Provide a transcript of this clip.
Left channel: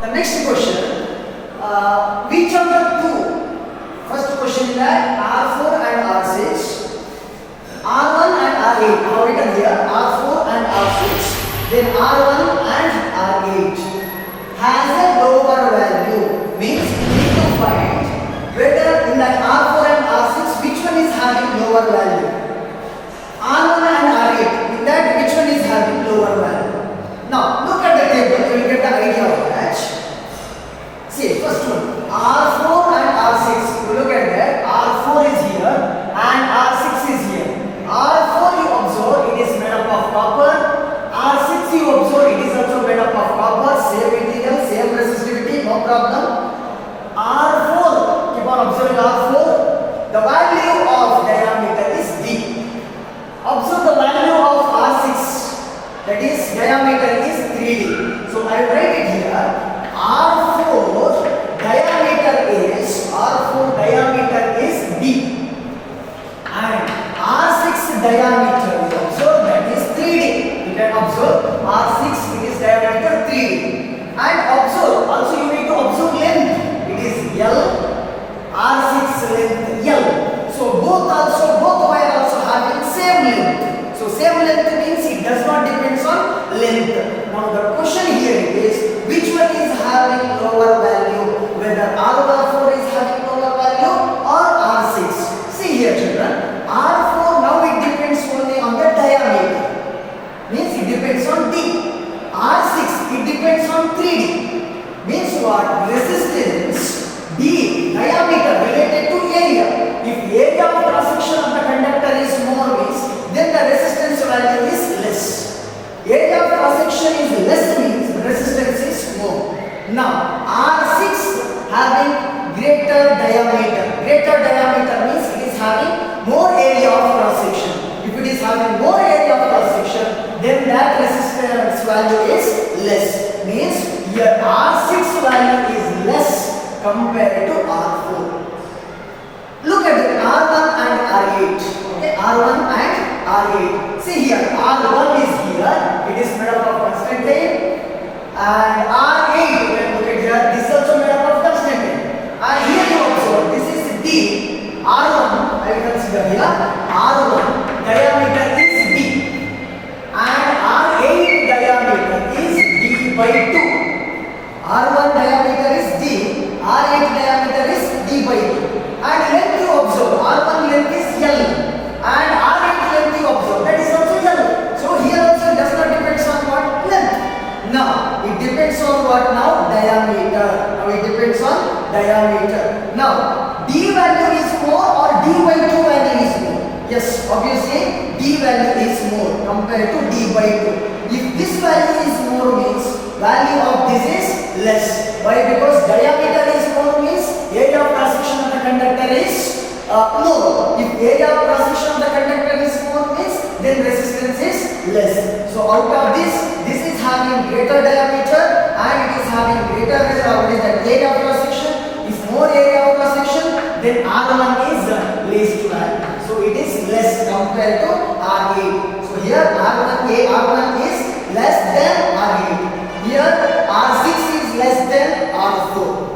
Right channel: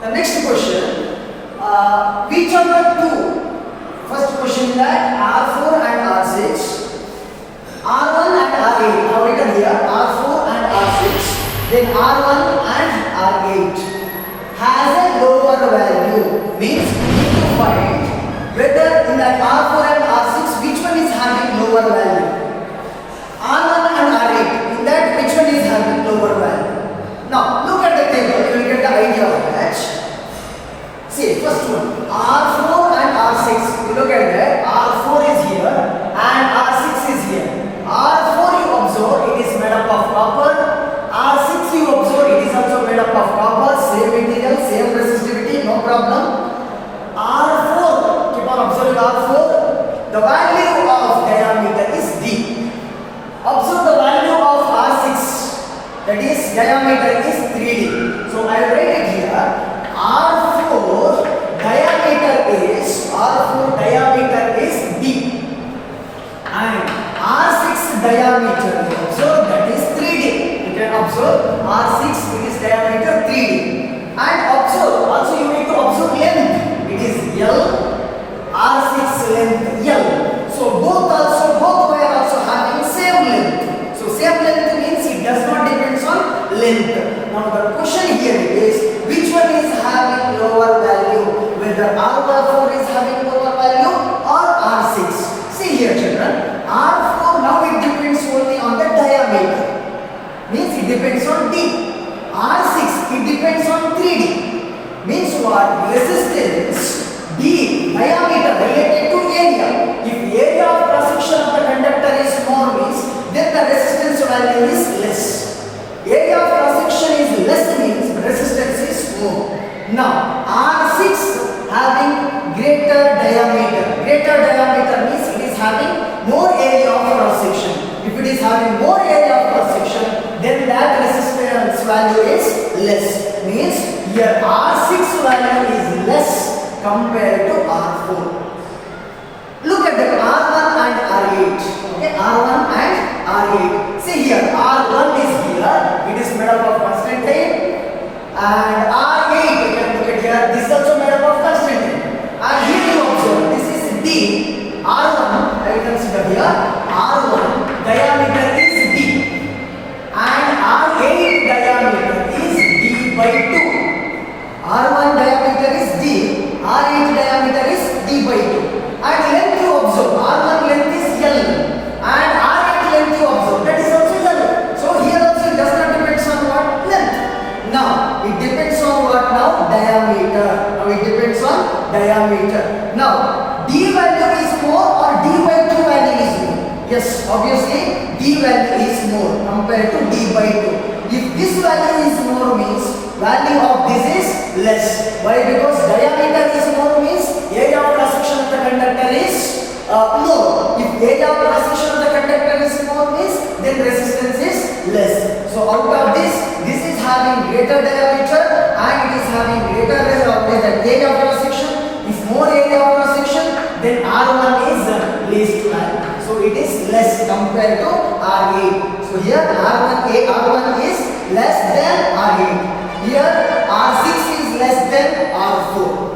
The next question, which of the two? First question that R4 and R6, R1 and R8. Now written here R4 and R6, then R1 and R8 has a lower value. Means we need to find whether in that R4 and R6 which one is having lower value. R1 and R8, in that which one is having lower value. Now look at the table, you will get the idea of that. See, first one, R4 and R6. You look at that, R4 is here and R6 is here. R4 you observe it is made up of copper. R6 you observe it is also made up of copper, same material, same resistivity, no problem. R4, keep on observing R4. The value of diameter is D. Observe the value of R6, that is diameter is 3D. So I will write it here. R4 diameter is D and R6 diameter observe that is 3D. You can observe R6 it is diameter 3D and observe also you need to observe length. It is L, R6 length L. So both wire also having same length. So same length means it does not depends on length. Now the question here is which one is having lower value, whether R4 is having lower value or R6. See here children, R4 now it depends only on the diameter, means it depends on D. R6 it depends on 3D, means what? Resistance D, diameter related to area. If area of cross section of the conductor is more means then the resistance value is less. Area of cross section is less means resistance is more. Now R6 having greater diameter. Greater diameter means it is having more area of cross section. If it is having more area of cross section, then that resistance value is less. Means here R6 value is less compared to R4. Look at the R1 and R8. Okay, R1 and R8. See here, R1 is here. It is made up of constantine, and R8 you can look at here. This is also made up of constantine. And here you observe this is D. R1 I will consider here. R1 diameter is D, and R8 diameter is D by 2. R1 diameter is D. R8 diameter is D by 2. And length you observe, R1 length is L and R8 length you observe that is also L. So here also it does not depends on what? Length. Now it depends on what now? Diameter. Now it depends on diameter. Now D value is more or D by 2 value is more? Yes, obviously D value is more compared to D by 2. If this value is more means value of this is less. Why? Because diameter is more means area of cross section of the conductor is more. If area of cross section of the conductor is more means then resistance is less. So out of this is having greater diameter and it is having greater area of cross section. If more area of cross section, then R1 is least value. So it is less compared to R8. So here R1 is less than R8. Here R6 is less than R4.